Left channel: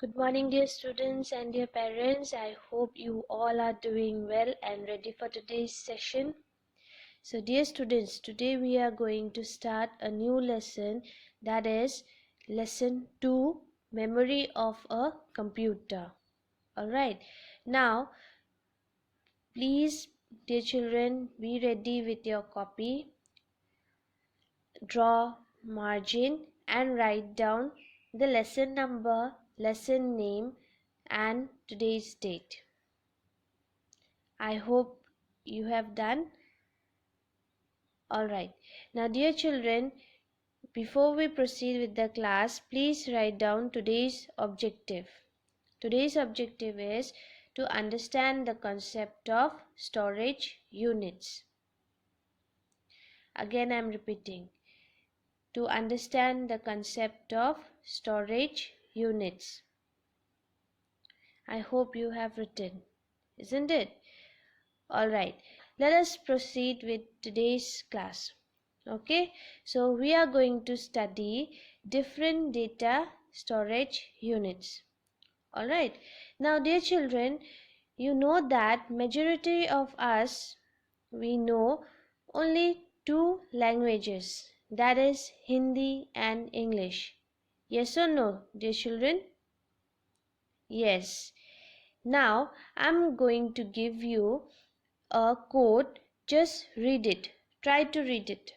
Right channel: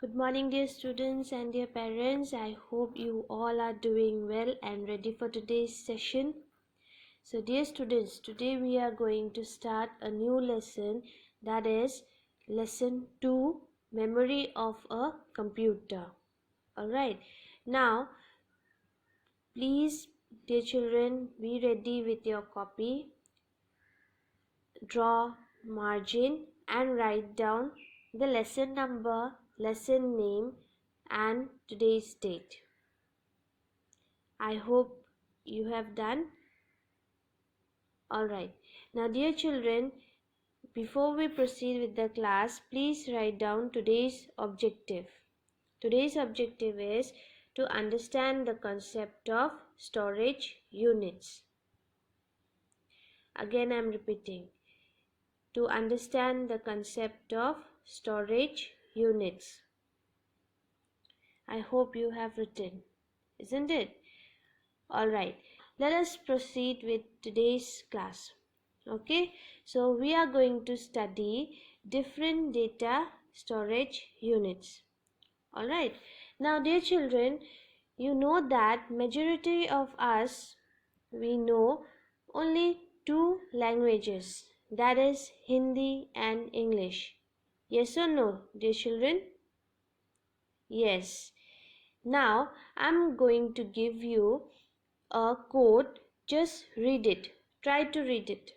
Good morning, dear students and dear parents. I hope you all are doing well and ready for today's session. So, dear students, today we are going to start a new lesson, that is lesson 2, memory of a computer. Alright, now please, dear children, be ready with your copy. Draw margin and write down the lesson number, lesson name and today's date. I hope you have done. Alright, now dear children, before we proceed with the class, please write down today's objective. Today's objective is to understand the concept of storage units. Again I am repeating, to understand the concept of storage units. I hope you have written, isn't it? Alright, let us proceed with today's class. Okay, so we are going to study different data storage units. Alright, now dear children, you know that majority of us, we know only two languages, that is Hindi and English. Yes or no, dear children? Yes. Now I'm going to give you a code. Just read it. Try to read it.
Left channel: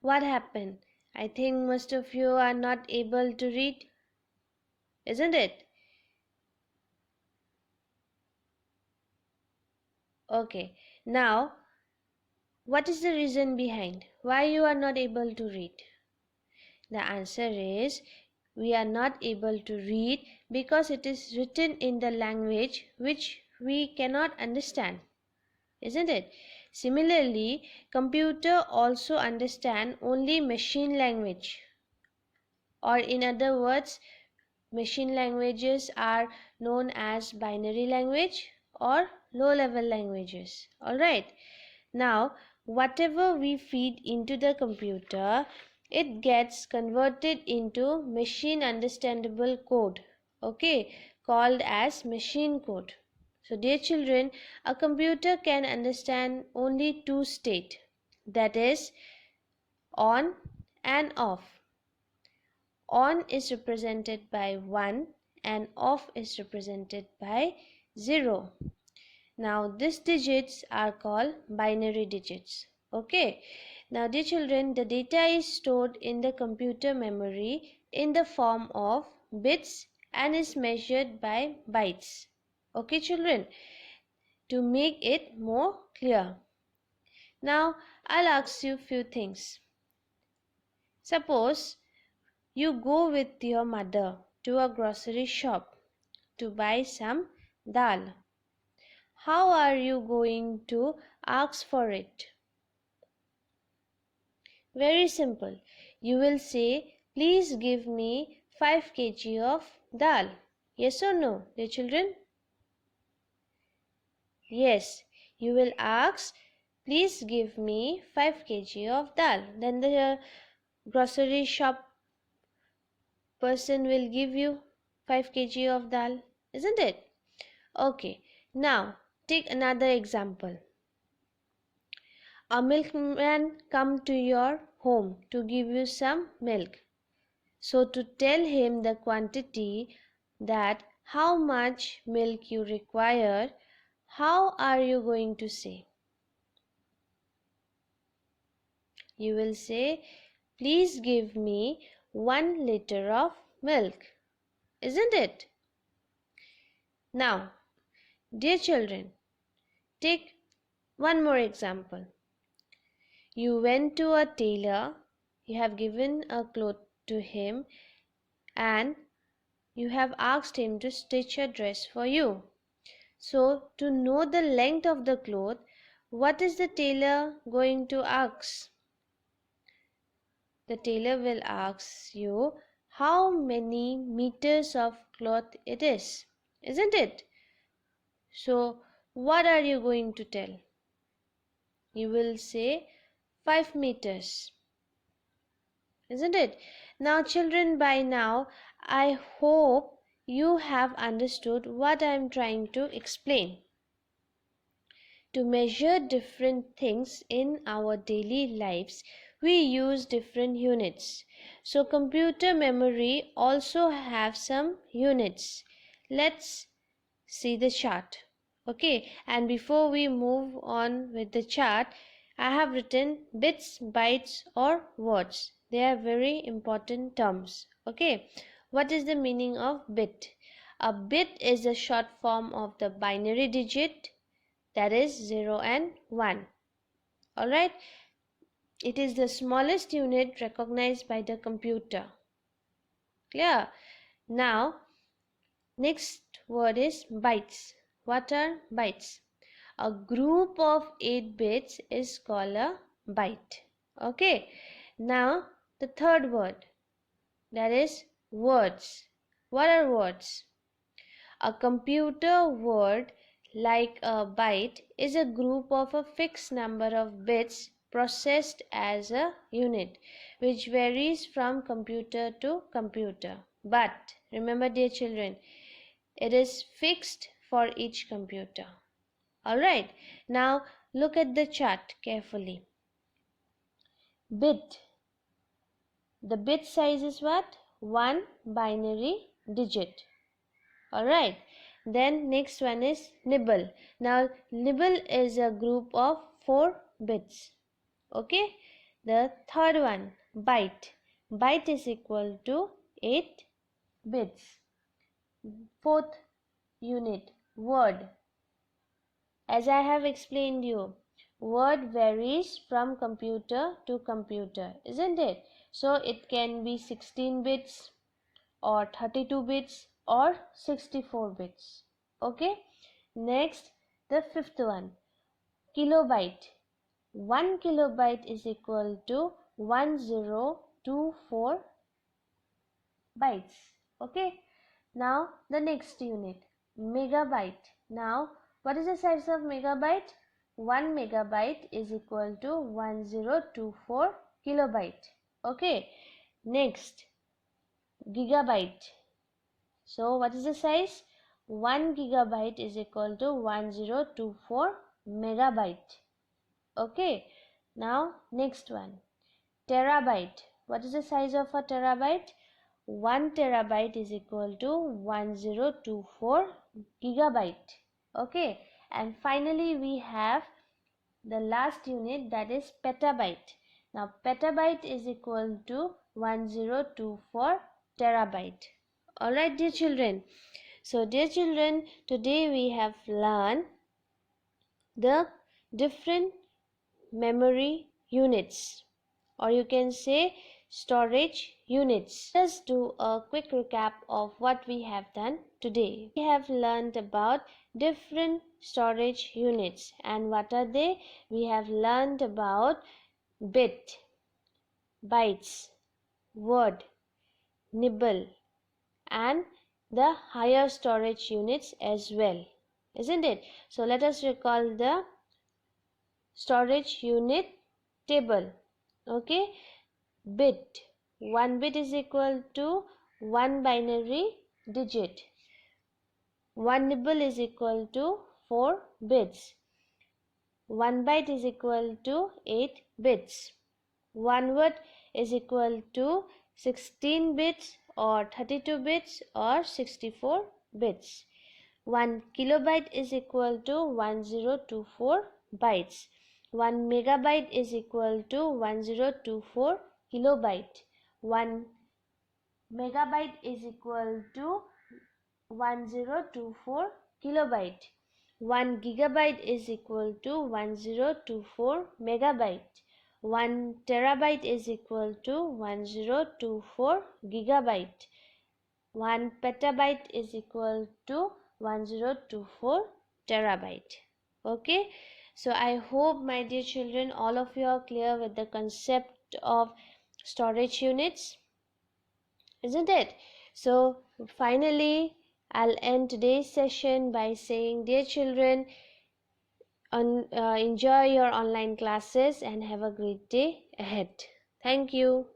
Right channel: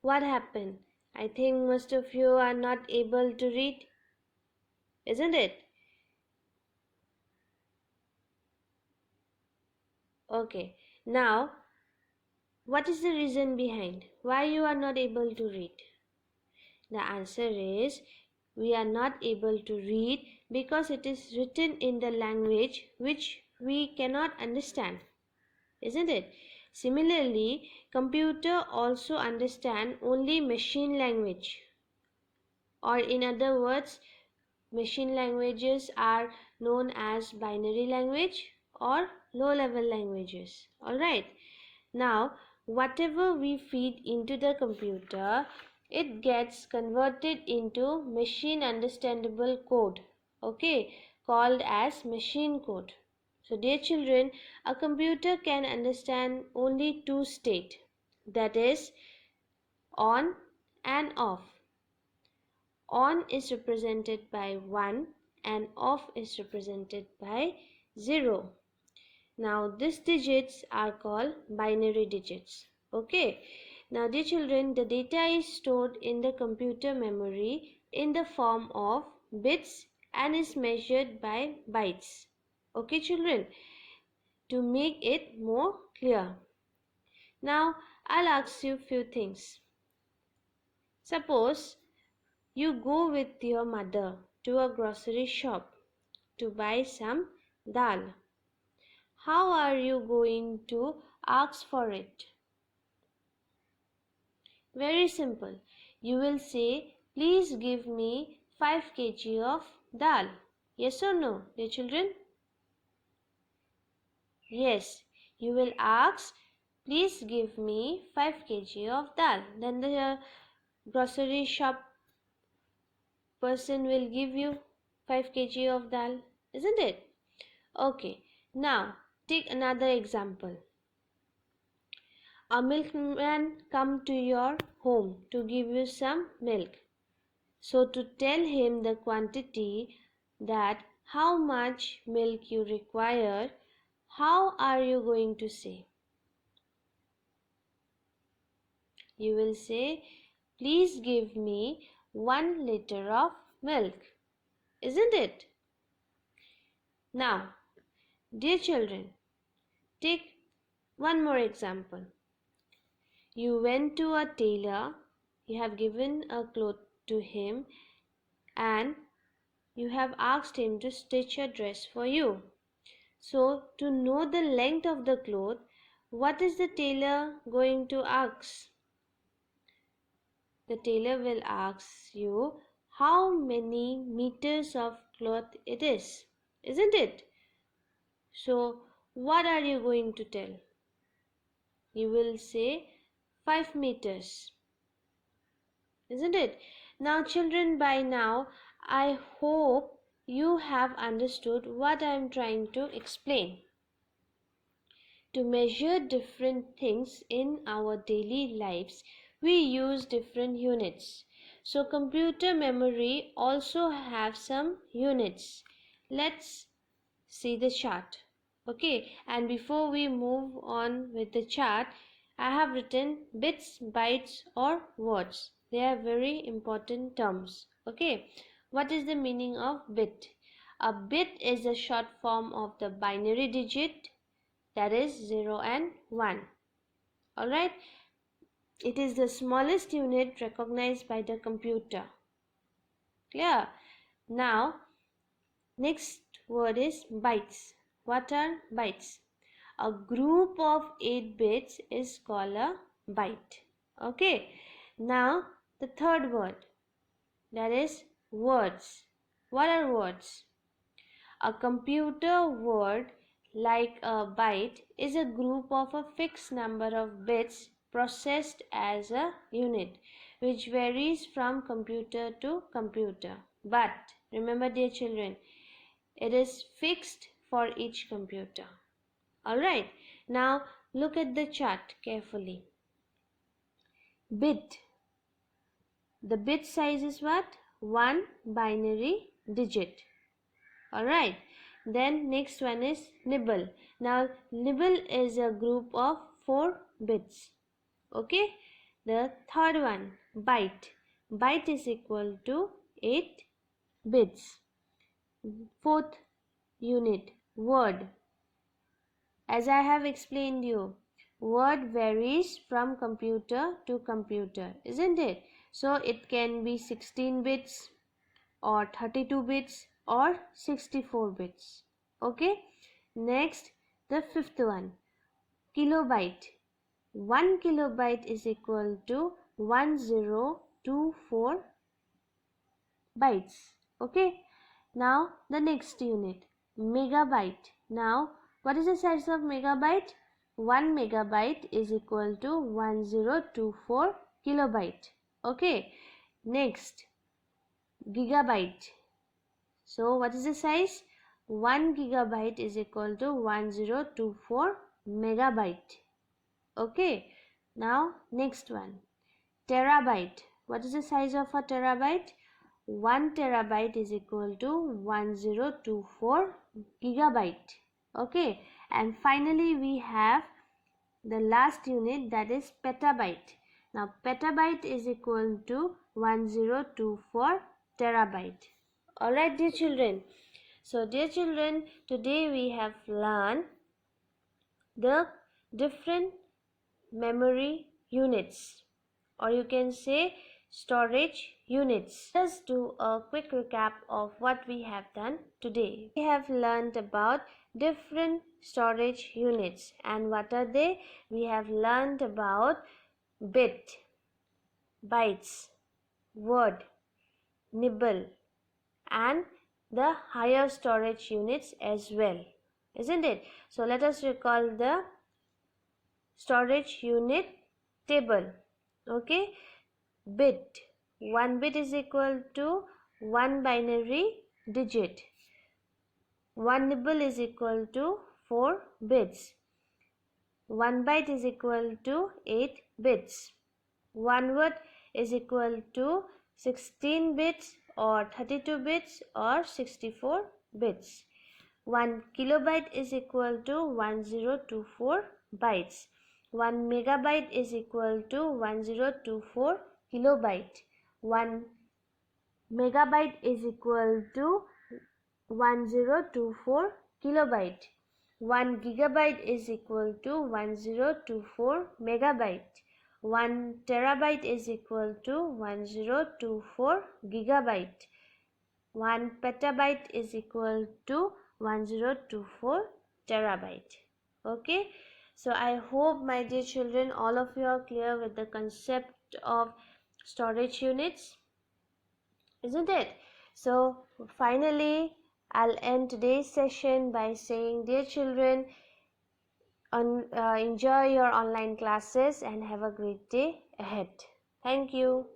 What happened? I think most of you are not able to read, isn't it? Okay. Now, what is the reason behind why you are not able to read? The answer is we are not able to read because it is written in the language which we cannot understand, isn't it? Similarly, computer also understand only machine language, or in other words, machine languages are known as binary language or low level languages. Alright, now whatever we feed into the computer, it gets converted into machine understandable code, okay, called as machine code. So dear children, a computer can understand only two states, that is on and off. On is represented by 1 and off is represented by 0. Now these digits are called binary digits. Okay. Now dear children, the data is stored in the computer memory in the form of bits and is measured by bytes. Okay children, to make it more clear. Now I'll ask you few things. Suppose you go with your mother to a grocery shop to buy some dal. How are you going to ask for it? Very simple. You will say, please give me 5 kg of dal. Yes or no, dear children? Yes, you will ask, please give me 5 kg of dal. Then the grocery shop person will give you 5 kg of dal, isn't it? Okay, now take another example. A milkman come to your home to give you some milk. So to tell him the quantity, that how much milk you require, how are you going to say? You will say, please give me 1 liter of milk, isn't it? Now, dear children, take one more example. You went to a tailor, you have given a cloth to him and you have asked him to stitch a dress for you. So to know the length of the cloth, what is the tailor going to ask? The tailor will ask you how many meters of cloth it is, isn't it? So what are you going to tell? You will say 5 meters, isn't it? Now children, by now I hope you have understood what I am trying to explain. To measure different things in our daily lives, we use different units. So computer memory also have some units. Let's see the chart. Okay, and before we move on with the chart, I have written bits, bytes or words. They are very important terms. Okay, what is the meaning of bit? A bit is a short form of the binary digit, that is 0 and 1. Alright, it is the smallest unit recognized by the computer. Clear? Now, next word is bytes. What are bytes? A group of 8 bits is called a byte. Okay, now the third word, that is words. What are words? A computer word, like a byte, is a group of a fixed number of bits processed as a unit, which varies from computer to computer. But remember, dear children, it is fixed for each computer. Alright, now look at the chart carefully. Bit. The bit size is what? 1 binary digit. Alright, then next one is nibble. Now nibble is a group of 4 bits. Okay, the third one, byte. Byte is equal to 8 bits. Fourth unit, word. As I have explained you, word varies from computer to computer, isn't it? So it can be 16 bits or 32 bits or 64 bits. Okay, next the fifth one, kilobyte. 1 kilobyte is equal to 1024 bytes. Okay, now the next unit, megabyte. Now what is the size of megabyte? 1 megabyte is equal to 1024 kilobyte. Okay, next gigabyte. So what is the size? 1 gigabyte is equal to 1024 megabyte. Okay, now next one, terabyte. What is the size of a terabyte? 1 terabyte is equal to 1024 gigabyte. Okay, and finally we have the last unit, that is petabyte. Now petabyte is equal to 1024 terabyte. Alright, dear children. So dear children, today we have learned the different memory units, or you can say storage units. Let's do a quick recap of what we have done today. We have learned about different storage units, and what are they? We have learned about bit, bytes, word, nibble, and the higher storage units as well, isn't it? So let us recall the storage unit table. Okay, bit, 1 bit is equal to 1 binary digit. 1 nibble is equal to 4 bits. 1 byte is equal to 8 bits. 1 word is equal to 16 bits or 32 bits or 64 bits. 1 kilobyte is equal to 1024 bytes. 1 megabyte is equal to 1024 kilobyte. 1 megabyte is equal to 1024 kilobyte. 1 gigabyte is equal to 1024 megabyte. 1 terabyte is equal to 1024 gigabyte. 1 petabyte is equal to 1024 terabyte. Okay, so I hope, my dear children, all of you are clear with the concept of storage units, isn't it? So finally I'll end today's session by saying, dear children, Enjoy your online classes and have a great day ahead. Thank you.